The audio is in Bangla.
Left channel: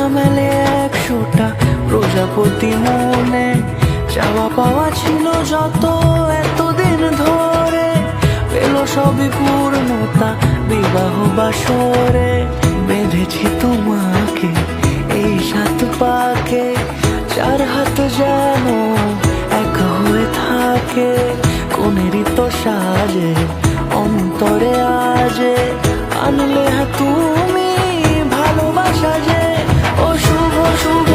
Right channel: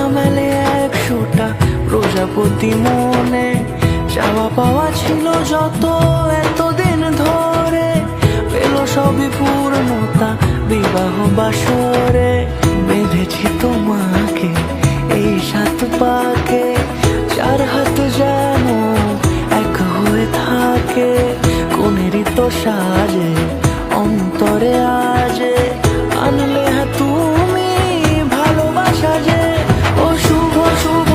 না মেলে 100টা প্রজাপতি মনে, চাওয়া পাওয়া ছিল যত এতদিন ধরে, পেল সবই পূর্ণতা বিবাহ বাসরে। বেঁধেছি তোমাকে এই 7 পাকে, 4 হাত যেন এক হয়ে থাকে, কোনেরই তো সাজে অন্তরে আজে, আনলে তুমি ভালোবাসা যে। ও শুভ শুভ